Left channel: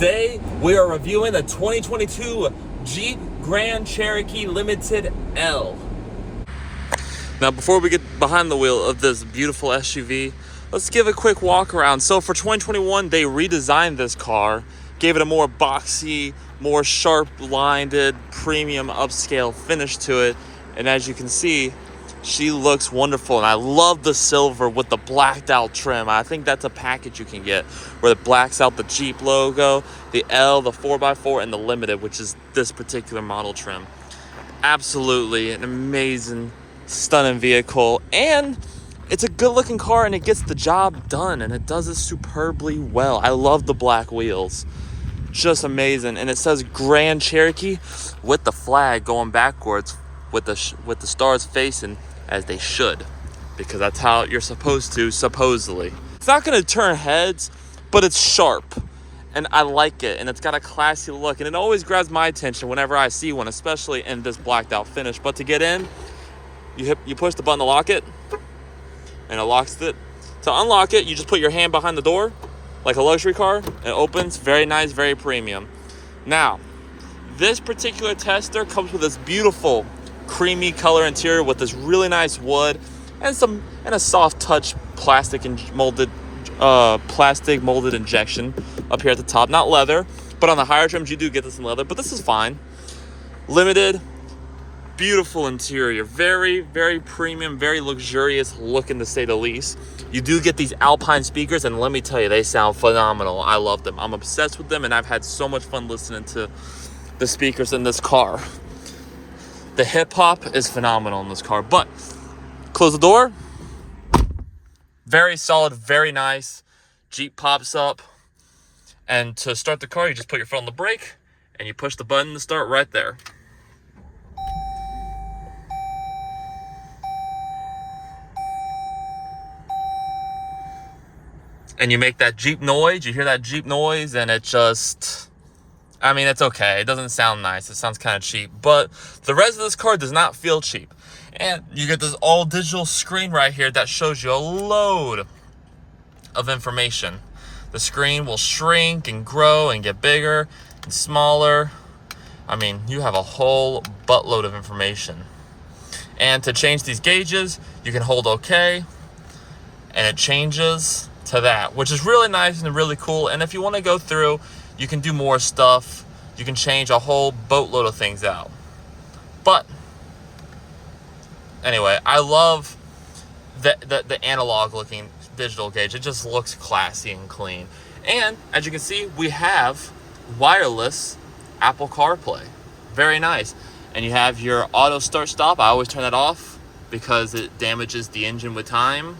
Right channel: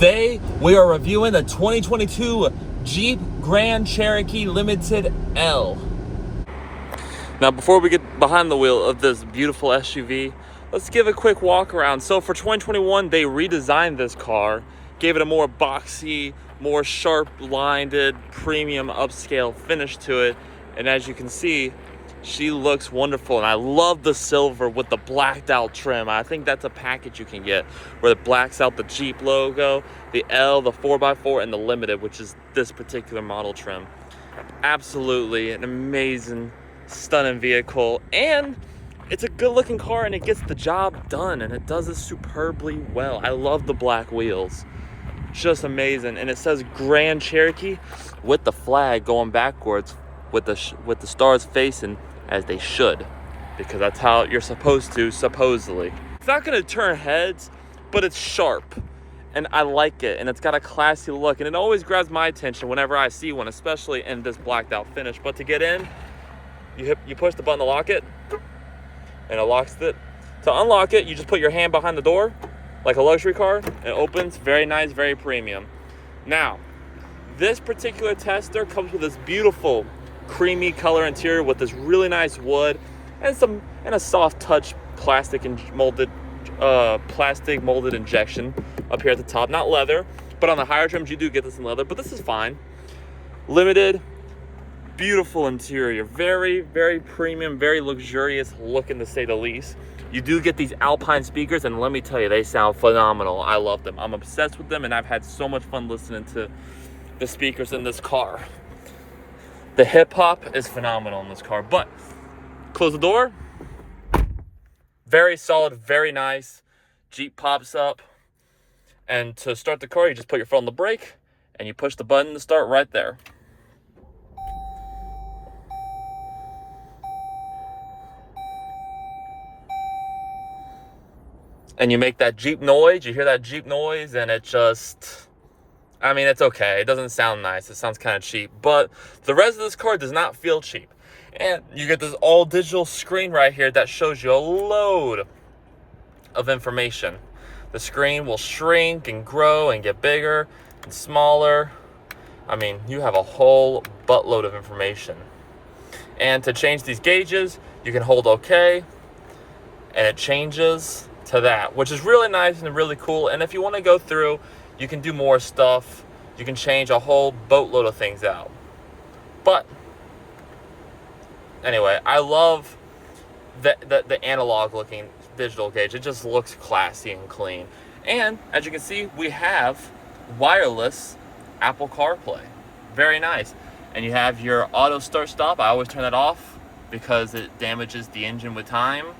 Today, we are reviewing the 2022 Jeep Grand Cherokee Limited L. Now, before we get behind the wheel of this beautiful SUV, let's give a quick walk around. So for 2021, they redesigned this car, gave it a more boxy, more sharp-lined, premium upscale finish to it. And as you can see, she looks wonderful, and I love the silver with the blacked out trim. I think that's a package you can get where it blacks out the Jeep logo, the L, the 4x4, and the Limited, which is this particular model trim. Absolutely an amazing, stunning vehicle, and it's a good looking car, and it gets the job done, and it does it superbly well. I love the black wheels, just amazing. And it says Grand Cherokee with the flag going backwards with the stars facing as they should, because that's how you're supposed to, supposedly. It's not going to turn heads, but it's sharp, and I like it, and it's got a classy look, and it always grabs my attention whenever I see one, especially in this blacked out finish. But to get in, you push the button to lock it, and it locks it. To unlock it, you just put your hand behind the door like a luxury car, and it opens. Very nice, very premium. Now, this particular tester comes with this beautiful creamy color interior with this really nice wood and a soft touch plastic molded injection up here at the top. Not leather, but on the higher trims you do get this in leather, but this is fine. Limited, beautiful interior, very, very premium, very luxurious looking to say the least. You do get these Alpine speakers, and let me tell you, they sound phenomenal. I love them. I'm obsessed with them, and I've had so much fun listening to the speakers in this car. The hip hop is phenomenal in this car. But close the door. Very solid, very nice. Jeep pops up. And to start the car, you just put your foot on the brake and you push the button to start right there. And you make that Jeep noise. You hear that Jeep noise, and it just, I mean, it's okay. It doesn't sound nice. It sounds kind of cheap. But the rest of this car does not feel cheap. And you get this all-digital screen right here that shows you a load of information. The screen will shrink and grow and get bigger and smaller. I mean, you have a whole buttload of information. And to change these gauges, you can hold OK, and it changes to that, which is really nice and really cool. And if you want to go through, you can do more stuff. You can change a whole boatload of things out. But anyway, I love the analog looking digital gauge. It just looks classy and clean. And as you can see, we have wireless Apple CarPlay. Very nice. And you have your auto start stop. I always turn that off because it damages the engine with time.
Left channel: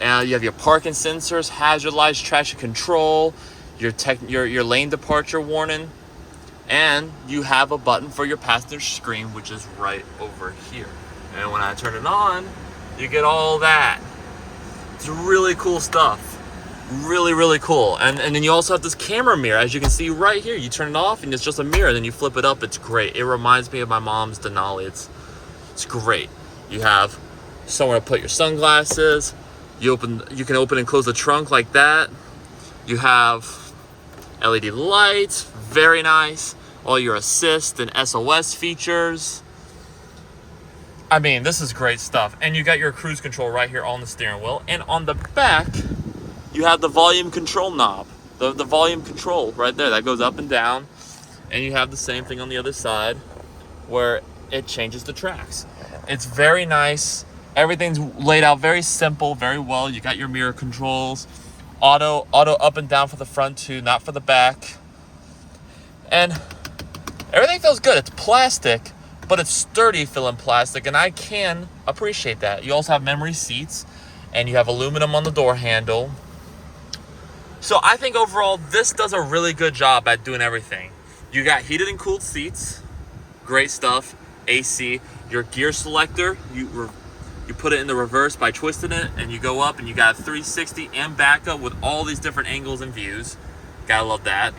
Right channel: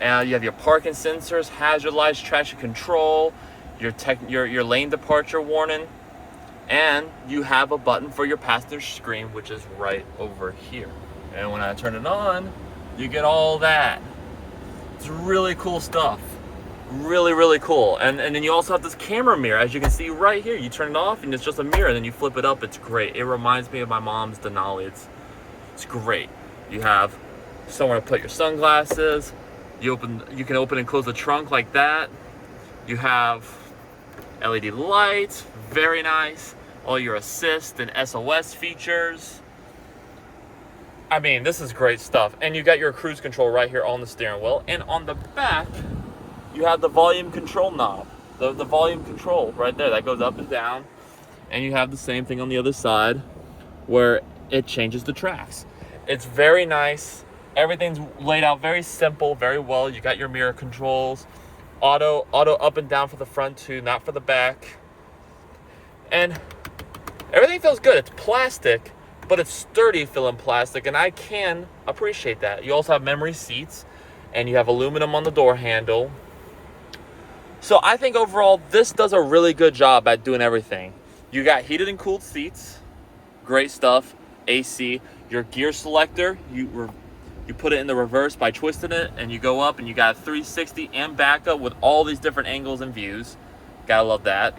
And you have your parking sensors, hazard lights, traction control, your lane departure warning, and you have a button for your passenger screen, which is right over here. And when I turn it on, you get all that. It's really cool stuff. Really, really cool. And then you also have this camera mirror, as you can see right here. You turn it off and it's just a mirror, then you flip it up. It's great. It reminds me of my mom's Denali. It's great. You have somewhere to put your sunglasses. You can open and close the trunk like that. You have LED lights, very nice. All your assist and SOS features. I mean, this is great stuff. And you got your cruise control right here on the steering wheel. And on the back, you have the volume control knob. The volume control right there that goes up and down. And you have the same thing on the other side where it changes the tracks. It's very nice. Everything's laid out very simple, very well. You got your mirror controls. Auto up and down for the front too, not for the back. And everything feels good. It's plastic, but it's sturdy feeling plastic, and I can appreciate that. You also have memory seats, and you have aluminum on the door handle. So I think overall, this does a really good job at doing everything. You got heated and cooled seats. Great stuff. AC. Your gear selector, you put it in the reverse by twisting it, and you go up, and you got 360 and backup with all these different angles and views. Gotta love that.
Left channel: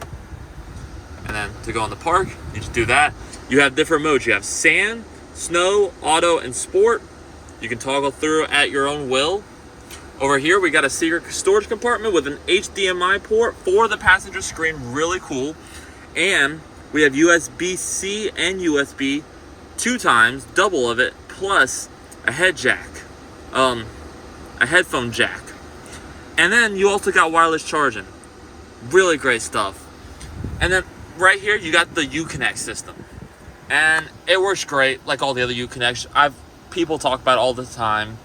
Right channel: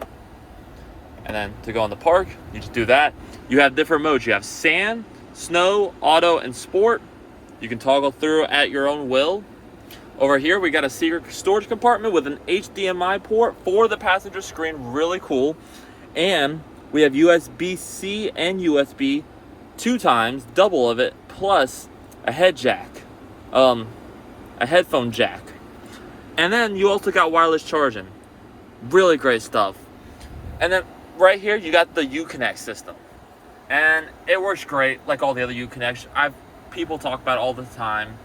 And then to go in the park, you just do that. You have different modes. You have sand, snow, auto, and sport. You can toggle through at your own will. Over here, we got a secret storage compartment with an HDMI port for the passenger screen. Really cool. And we have USB-C and USB 2 times, double of it, plus a head jack, a headphone jack. And then you also got wireless charging. Really great stuff. And then right here, you got the Uconnect system. And it works great, like all the other Uconnects. People talk about it all the time.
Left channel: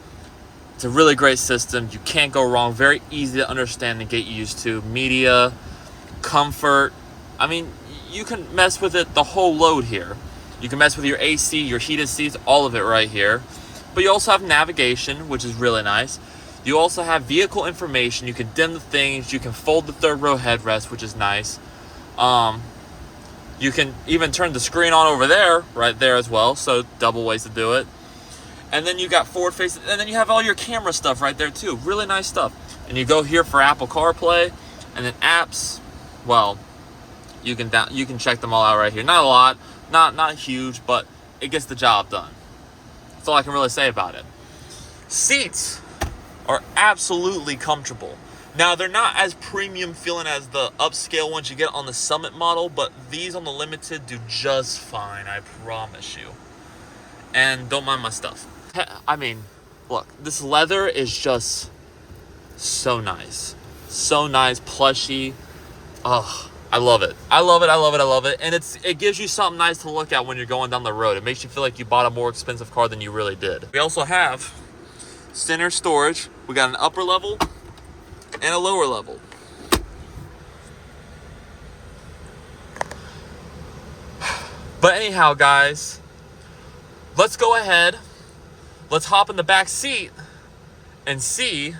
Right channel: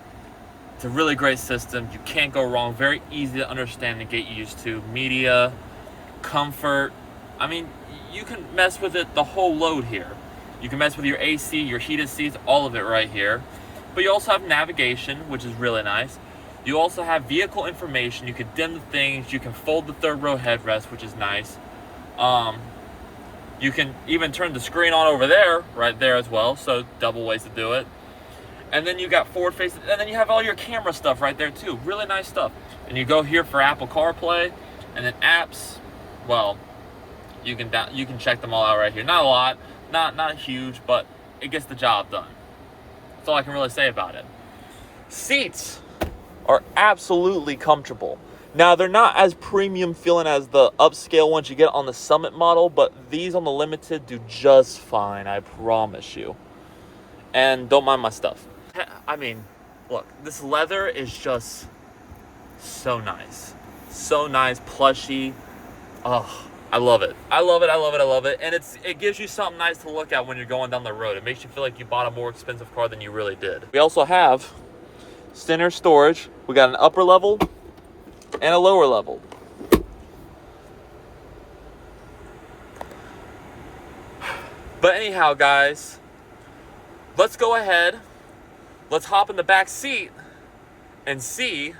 It's a really great system. You can't go wrong. Very easy to understand and get used to. Media, comfort. I mean, you can mess with it the whole load here. You can mess with your AC, your heated seats, all of it right here. But you also have navigation, which is really nice. You also have vehicle information. You can dim the things. You can fold the third row headrest, which is nice. You can even turn the screen on over there, right there as well. So double ways to do it. And then you got forward facing, and then you have all your camera stuff right there too. Really nice stuff. And you go here for Apple CarPlay, and then apps. Well, you can check them all out right here. Not a lot, not huge, but it gets the job done. That's all I can really say about it. Seats are absolutely comfortable. Now, they're not as premium feeling as the upscale ones you get on the Summit model, but these on the Limited do just fine, I promise you. And don't mind my stuff. I mean, look, this leather is just so nice. So nice, plushy. Oh, I love it. I love it, I love it, I love it. And it gives you something nice to look at when you're going down the road. It makes you feel like you bought a more expensive car than you really did. We also have center storage. We got an upper level and a lower level. But anyhow, guys, let's go ahead. Let's hop in the back seat and see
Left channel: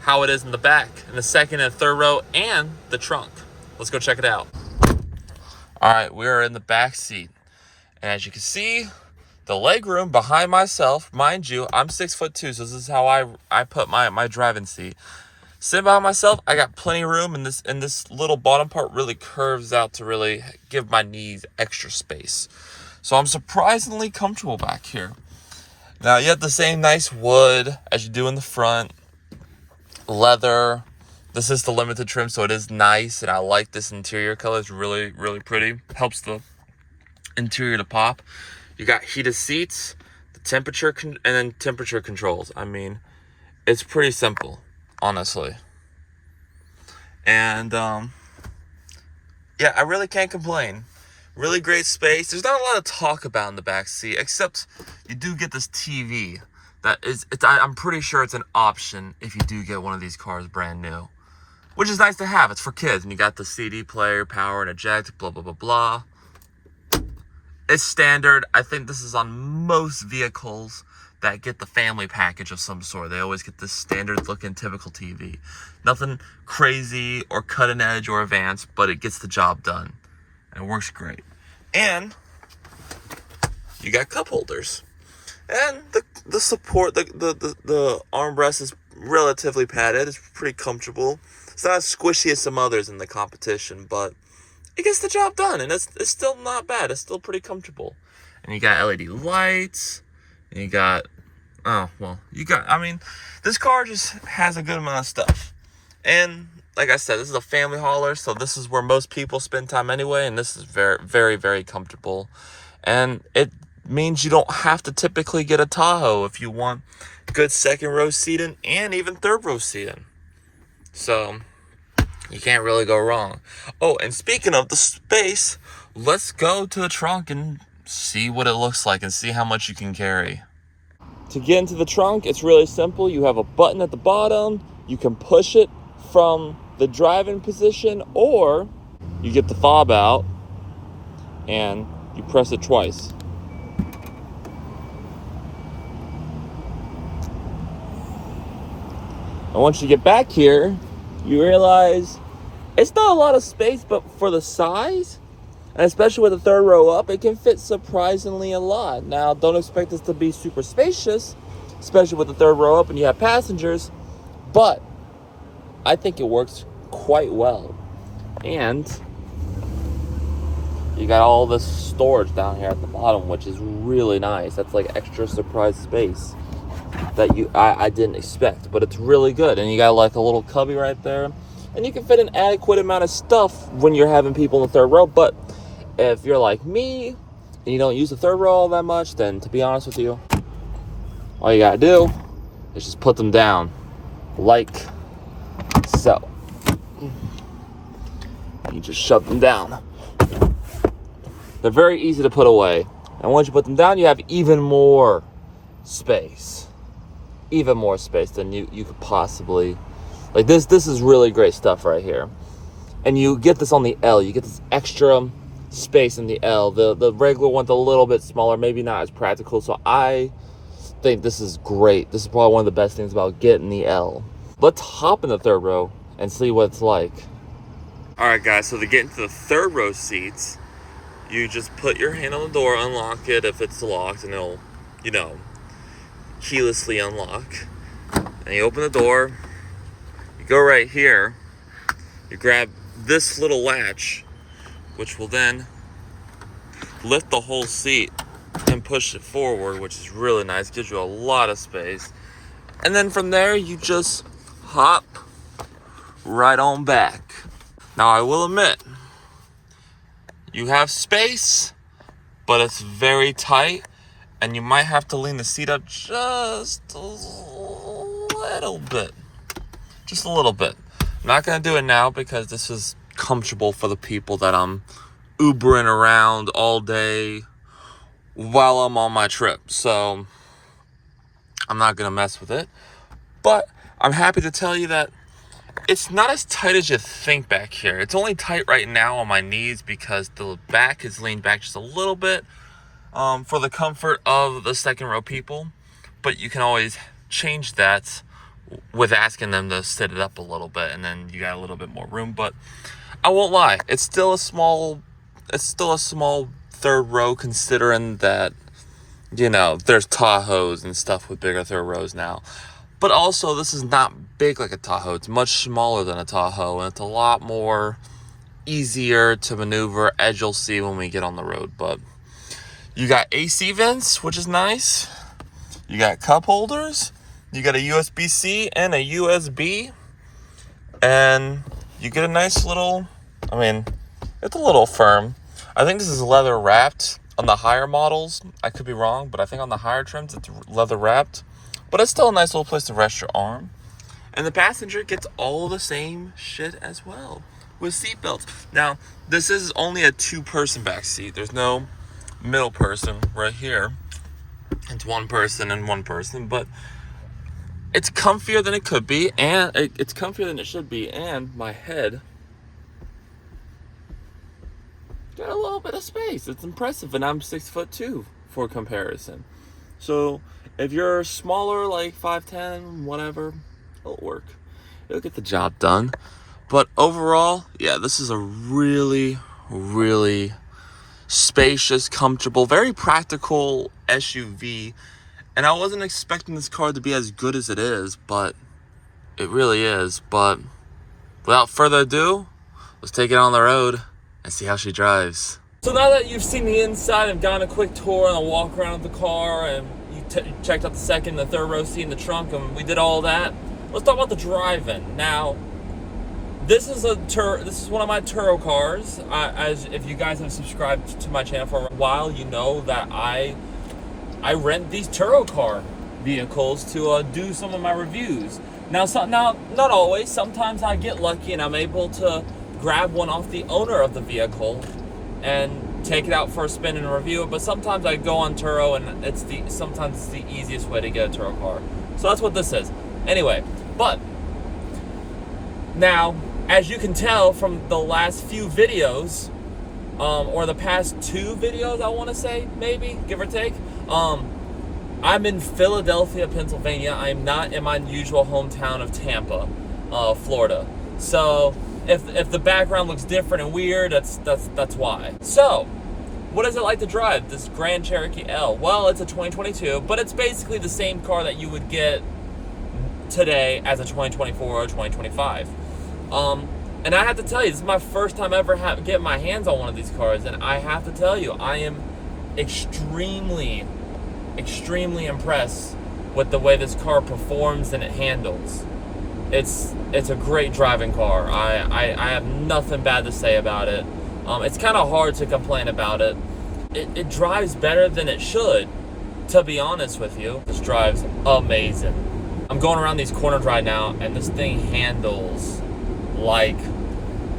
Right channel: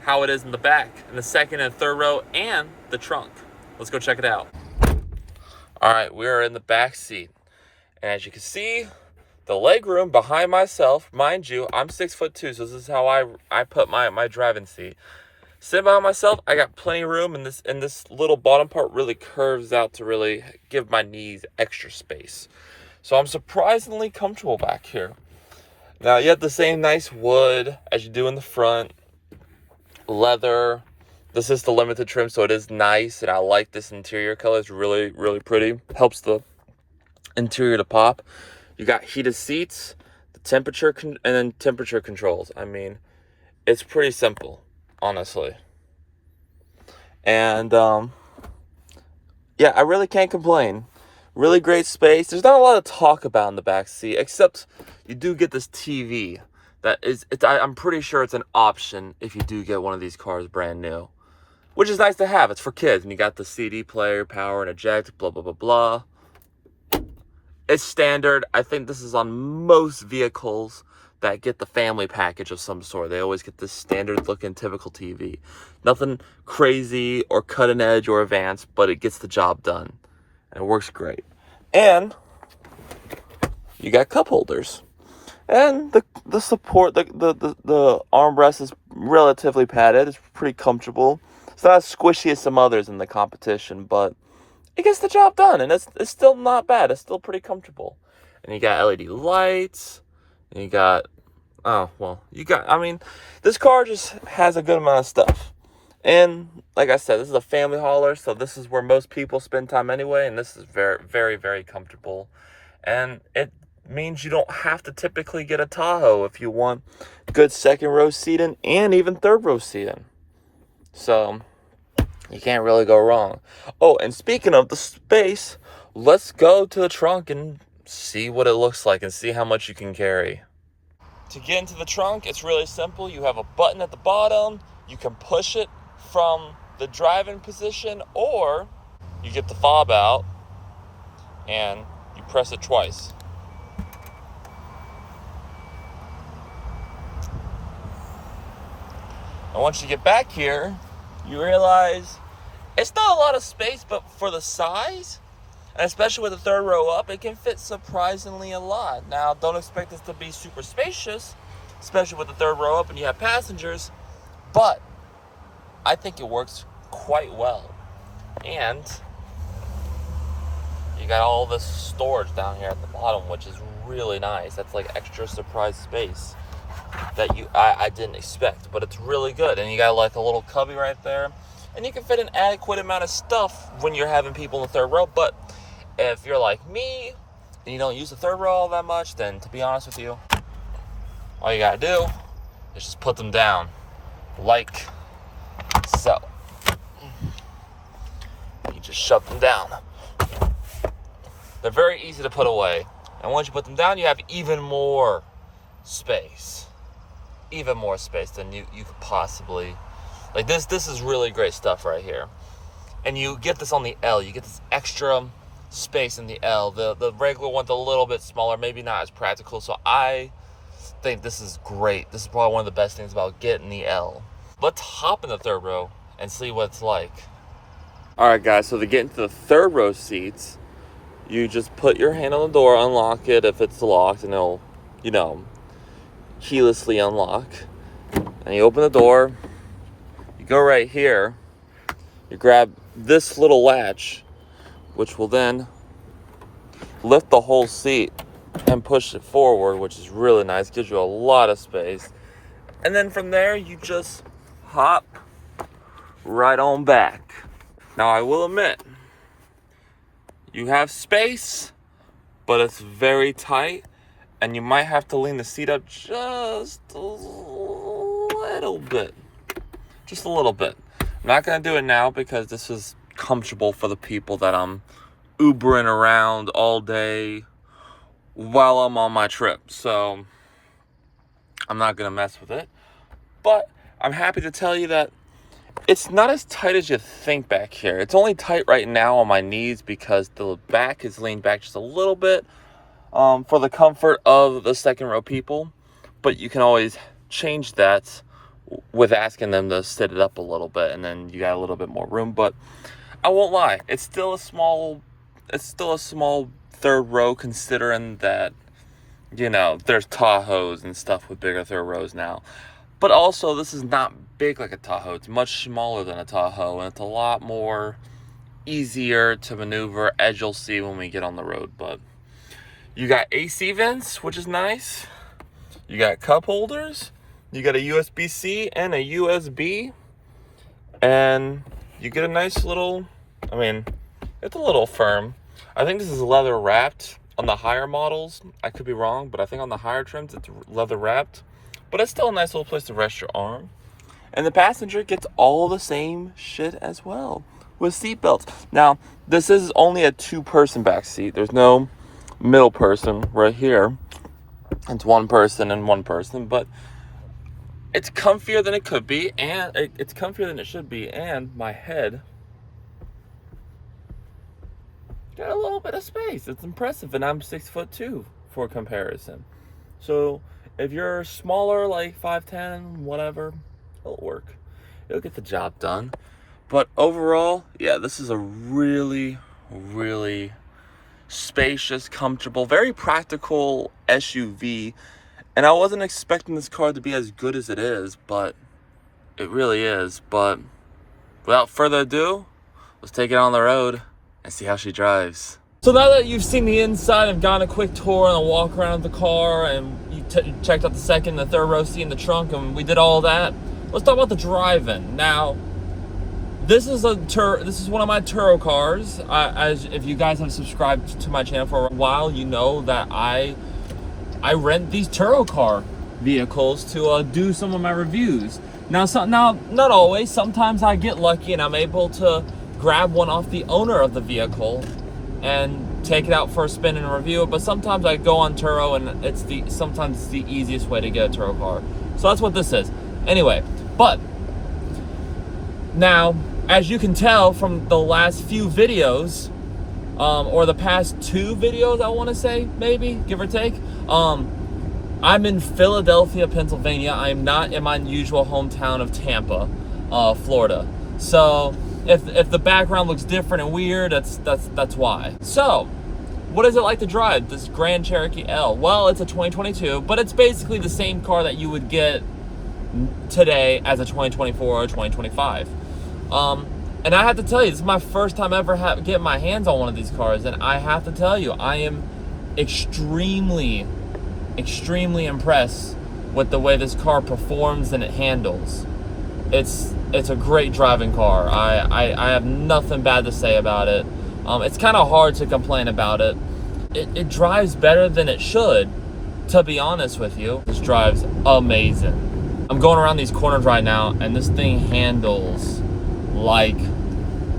how it is in the back, in the second and third row, and the trunk. Let's go check it out. All right, we are in the back seat. And as you can see, the leg room behind myself, mind you, I'm 6'2", so this is how I put my driving seat. Sitting behind myself, I got plenty of room, and this little bottom part really curves out to really give my knees extra space. So I'm surprisingly comfortable back here. Now, you have the same nice wood as you do in the front. Leather. This is the Limited trim, so it is nice, and I like this interior color. It's really, really pretty. Helps the interior to pop. You got heated seats, the temperature, and then temperature controls. I mean, it's pretty simple, honestly. And, yeah, I really can't complain. Really great space. There's not a lot to talk about in the back seat, except you do get this TV. I'm pretty sure it's an option if you do get one of these cars brand new, which is nice to have. It's for kids, and you got the CD player, power and eject, blah, blah, blah, blah. It's standard. I think this is on most vehicles that get the family package of some sort. They always get this standard looking typical TV. Nothing crazy or cutting edge or advanced, but it gets the job done. And it works great. And you got cup holders. And the support, the armrest is relatively padded. It's pretty comfortable. It's not as squishy as some others in the competition, but it gets the job done. And it's still not bad. It's still pretty comfortable. And you got LED lights. And you got, I mean, this car just has a good amount of stuff. And like I said, this is a family hauler, so this is where most people spend time anyway, and this is very, very, very comfortable. And it means you don't have to typically get a Tahoe if you want good second row seating and even third row seating. So you can't really go wrong. Oh, and speaking of the space, let's go to the trunk and see what it looks like and see how much you can carry. To get into the trunk, it's really simple. You have a button at the bottom. You can push it from the driving position, or you get the fob out and you press it twice. And once you get back here, you realize it's not a lot of space, but for the size, and especially with the third row up, it can fit surprisingly a lot. Now, don't expect this to be super spacious, especially with the third row up and you have passengers, but I think it works quite well. And you got all this storage down here at the bottom, which is really nice. That's like extra surprise space. that I didn't expect, but it's really good. And you got like a little cubby right there, and you can fit an adequate amount of stuff when you're having people in the third row. But if you're like me and you don't use the third row all that much, then to be honest with you, all you gotta do is just put them down like so. You just shove them down. They're very easy to put away, and once you put them down, you have even more space. Even more space than you could possibly, like this is really great stuff right here. And you get this on the L. You get this extra space in the L. The regular one's a little bit smaller, maybe not as practical. So I think this is great. This is probably one of the best things about getting the L. Let's hop in the third row and see what it's like. All right, guys, so to get into the third row seats, you just put your hand on the door, unlock it if it's locked, and it'll, you know, keylessly unlock. And you open the door, you go right here, you grab this little latch, which will then lift the whole seat and push it forward, which is really nice, gives you a lot of space. And then from there, you just hop right on back. Now, I will admit, you have space, but it's very tight, and you might have to lean the seat up just a little bit. Just a little bit. I'm not going to do it now because this is comfortable for the people that I'm Ubering around all day while I'm on my trip. So I'm not going to mess with it. But I'm happy to tell you that it's not as tight as you think back here. It's only tight right now on my knees because the back is leaned back just a little bit for the comfort of the second row people. But you can always change that with asking them to sit it up a little bit, and then you got a little bit more room. But I won't lie, it's still a small third row, considering that, you know, there's Tahoes and stuff with bigger third rows now. But also, this is not big like a Tahoe. It's much smaller than a Tahoe, and it's a lot more easier to maneuver, as you'll see when we get on the road. But you got AC vents, which is nice. You got cup holders. You got a USB-C and a USB. And you get a nice little, I mean, it's a little firm. I think this is leather wrapped on the higher models. I could be wrong, but I think on the higher trims, it's leather wrapped. But it's still a nice little place to rest your arm. And the passenger gets all the same shit as well with seat belts. Now, this is only a two-person back seat. There's no middle person right here. It's one person and one person, but it's comfier than it could be, and it's comfier than it should be, and my head got a little bit of space. It's impressive, and I'm 6'2" for comparison. So if you're smaller, like 5'10", whatever, it'll work. It'll get the job done. But overall, yeah, this is a really, really spacious, comfortable, very practical SUV. And I wasn't expecting this car to be as good as it is, but it really is. But without further ado, let's take it on the road and see how she drives. So now that you've seen the inside and gotten a quick tour and a walk around the car, and you checked out the second and the third row seat in the trunk, and we did all that, let's talk about the driving. Now, this is one of my Turo cars. As if you guys have subscribed to my channel for a while, you know that I rent these Turo car vehicles to do some of my reviews. Now, not always. Sometimes I get lucky and I'm able to grab one off the owner of the vehicle and take it out for a spin and review it. But sometimes I go on Turo, and sometimes it's the easiest way to get a Turo car. So that's what this is. Anyway, but now, as you can tell from the last few videos, or the past two videos, I want to say, maybe, give or take, I'm in Philadelphia, Pennsylvania. I'm not in my usual hometown of Tampa, Florida. So if the background looks different and weird, that's why. So, what is it like to drive this Grand Cherokee L? Well, it's a 2022, but it's basically the same car that you would get today as a 2024 or 2025. And I have to tell you, this is my first time ever getting my hands on one of these cars, and I have to tell you, I am extremely impressed with the way this car performs and it handles. It's a great driving car. I have nothing bad to say about it. It's kind of hard to complain about it. It drives better than it should, to be honest with you. This drives amazing. I'm going around these corners right now, and this thing handles like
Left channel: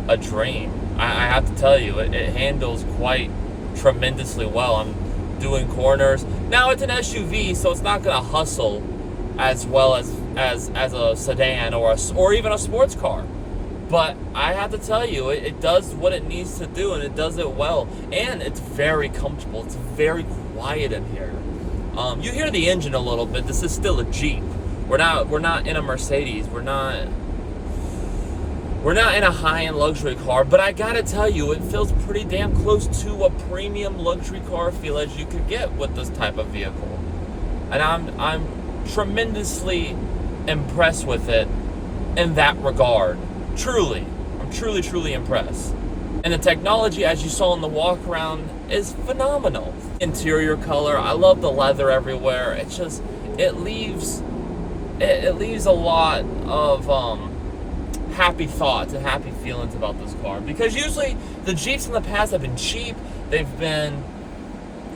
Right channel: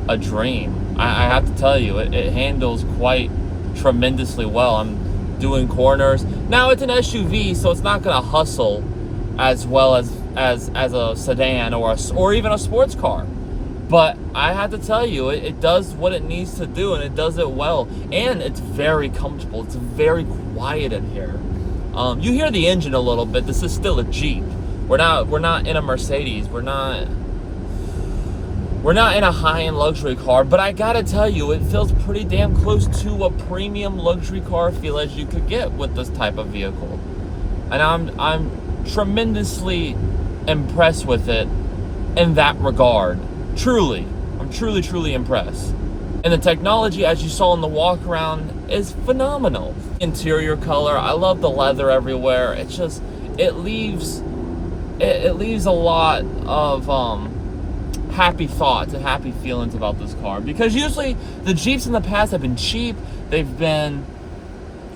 a dream. I have to tell you, it handles quite tremendously well. I'm doing corners. Now, it's an SUV, so it's not going to hustle as well as a sedan or even a sports car. But I have to tell you, it does what it needs to do, and it does it well. And it's very comfortable. It's very quiet in here. You hear the engine a little bit. This is still a Jeep. We're not in a Mercedes. We're not in a high-end luxury car. But I gotta tell you, it feels pretty damn close to a premium luxury car feel as you could get with this type of vehicle. And I'm tremendously impressed with it in that regard. Truly, I'm truly impressed. And the technology, as you saw in the walk around, is phenomenal. Interior color, I love the leather everywhere. It leaves a lot of happy thoughts and happy feelings about this car, because usually the Jeeps in the past have been cheap. They've been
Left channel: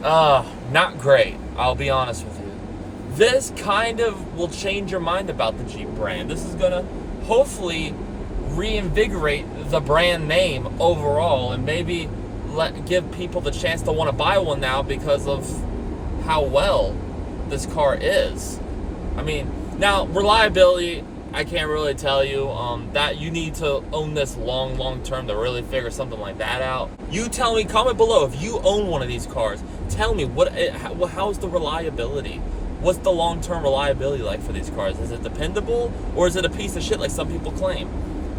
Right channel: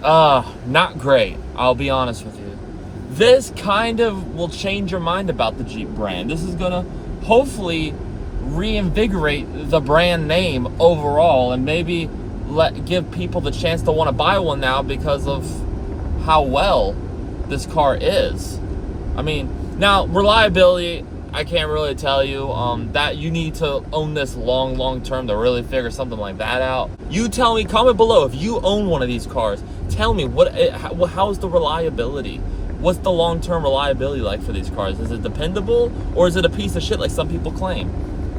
not great, I'll be honest with you. This kind of will change your mind about the Jeep brand. This is gonna hopefully reinvigorate the brand name overall, and maybe give people the chance to want to buy one now because of how well this car is. I mean, now reliability, I can't really tell you. That you need to own this long term to really figure something like that out. You tell me, comment below if you own one of these cars. Tell me how's the reliability? What's the long-term reliability like for these cars? Is it dependable, or is it a piece of shit like some people claim?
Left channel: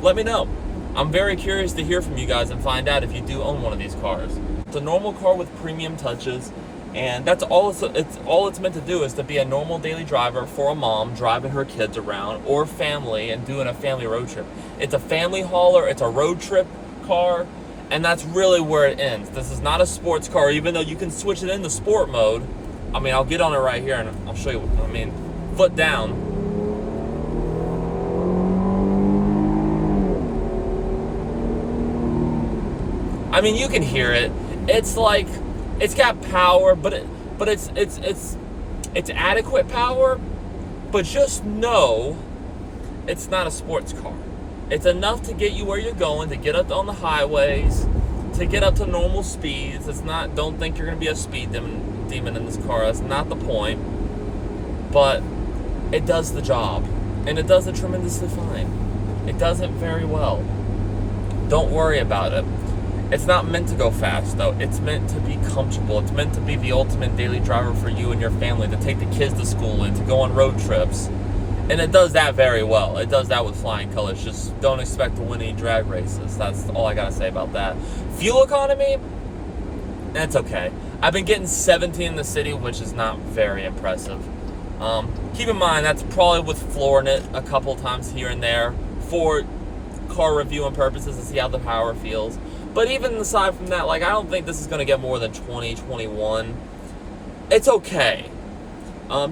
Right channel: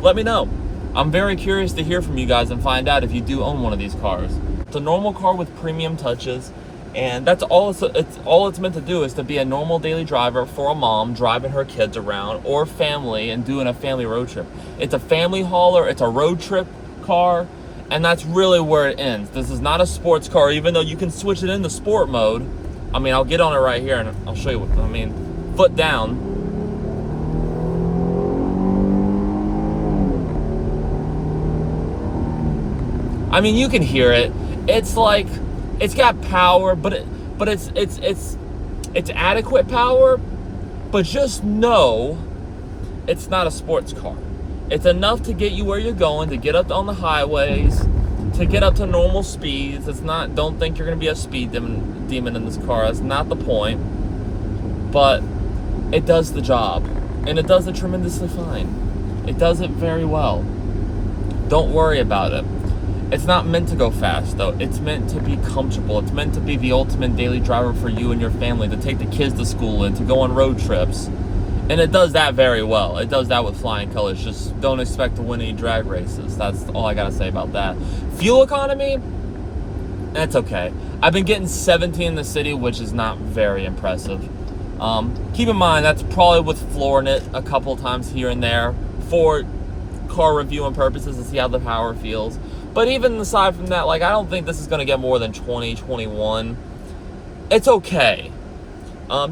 Let me know. I'm very curious to hear from you guys and find out if you do own one of these cars. It's a normal car with premium touches, and that's all it's meant to do, is to be a normal daily driver for a mom driving her kids around, or family and doing a family road trip. It's a family hauler, it's a road trip car, and that's really where it ends. This is not a sports car, even though you can switch it into sport mode. I mean, I'll get on it right here and I'll show you what I mean. Foot down. I mean, you can hear it. It's like, it's got power, but it's adequate power. But just know, it's not a sports car. It's enough to get you where you're going, to get up on the highways, to get up to normal speeds. It's not. Don't think you're gonna be a speed demon in this car. That's not the point. But it does the job, and it does it tremendously fine. It does it very well. Don't worry about it. It's not meant to go fast, though. It's meant to be comfortable. It's meant to be the ultimate daily driver for you and your family, to take the kids to school and to go on road trips. And it does that very well. It does that with flying colors. Just don't expect to win any drag races. That's all I gotta say about that. Fuel economy, that's okay. I've been getting 17 in the city, which is not very impressive. Keep in mind, that's probably with flooring it a couple times here and there for car reviewing purposes to see how the power feels. But even aside from that, like, I don't think this is going to get more than 20, 21. It's okay.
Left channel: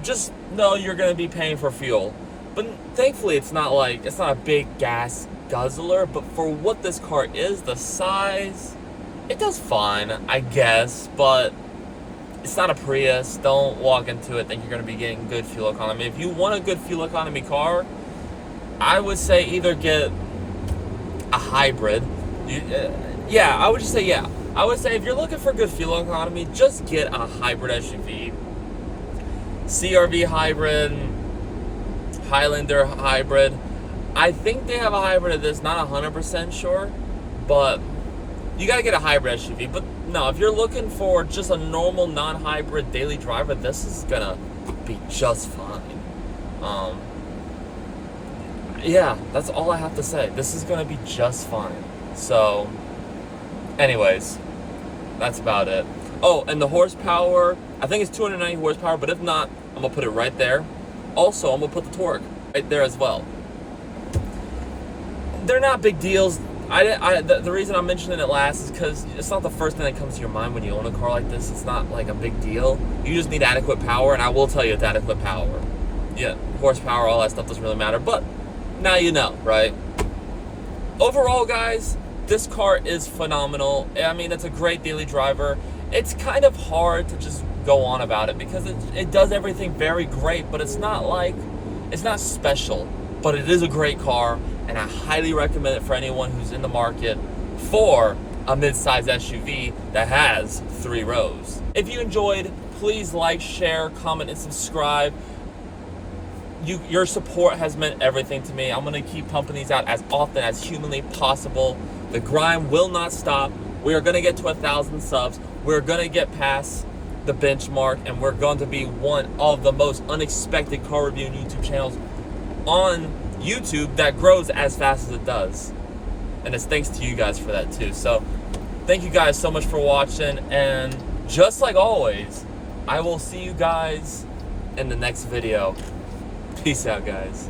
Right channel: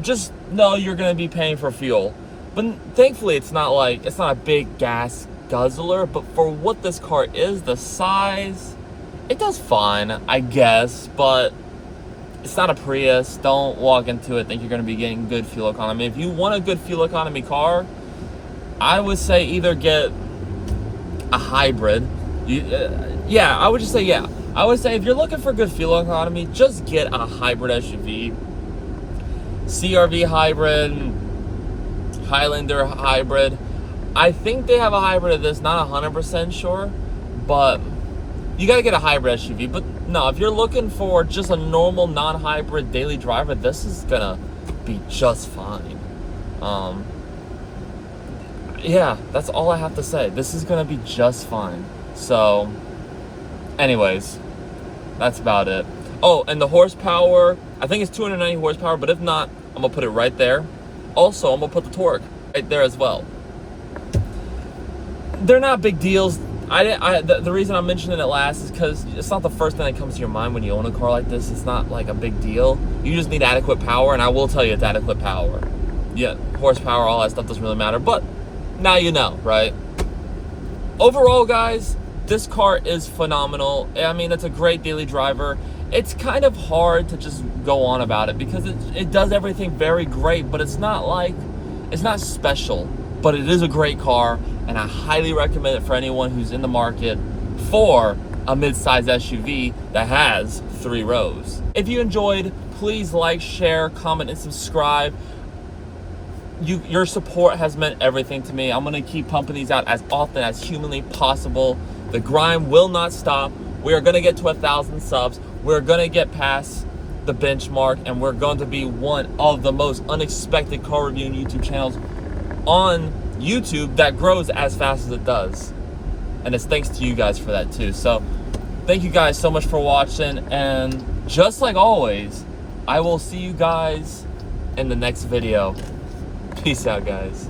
Just know you're going to be paying for fuel. But thankfully, it's not a big gas guzzler. But for what this car is, the size, it does fine, I guess. But it's not a Prius. Don't walk into it think you're going to be getting good fuel economy. If you want a good fuel economy car, I would say either get a hybrid. I would say if you're looking for good fuel economy, just get a hybrid SUV. CR-V hybrid, Highlander hybrid. I think they have a hybrid of this, not 100% sure, but you gotta get a hybrid SUV. But no, if you're looking for just a normal non-hybrid daily driver, this is gonna be just fine. Yeah, that's all I have to say. This is gonna be just fine. So, anyways, that's about it. Oh, and the horsepower, I think it's 290 horsepower, but if not, I'm gonna put it right there. Also, I'm gonna put the torque right there as well. They're not big deals. The reason I'm mentioning it last is because it's not the first thing that comes to your mind when you own a car like this. It's not like a big deal. You just need adequate power, and I will tell you it's adequate power. Yeah, horsepower, all that stuff doesn't really matter. But now you know, right? Overall, guys, this car is phenomenal. I mean, it's a great daily driver. It's kind of hard to just go on about it because it does everything very great, but it's not special. But it is a great car, and I highly recommend it for anyone who's in the market for a mid-size SUV that has 3 rows. If you enjoyed, please like, share, comment, and subscribe. Your support has meant everything to me. I'm gonna keep pumping these out as often as humanly possible. The grind will not stop. We are gonna get to 1,000 subs. We're gonna get past the benchmark, and we're going to be one of the most unexpected car reviewing YouTube channels on YouTube that grows as fast as it does. And it's thanks to you guys for that too. So thank you guys so much for watching, and just like always, I will see you guys in the next video. Peace out, guys.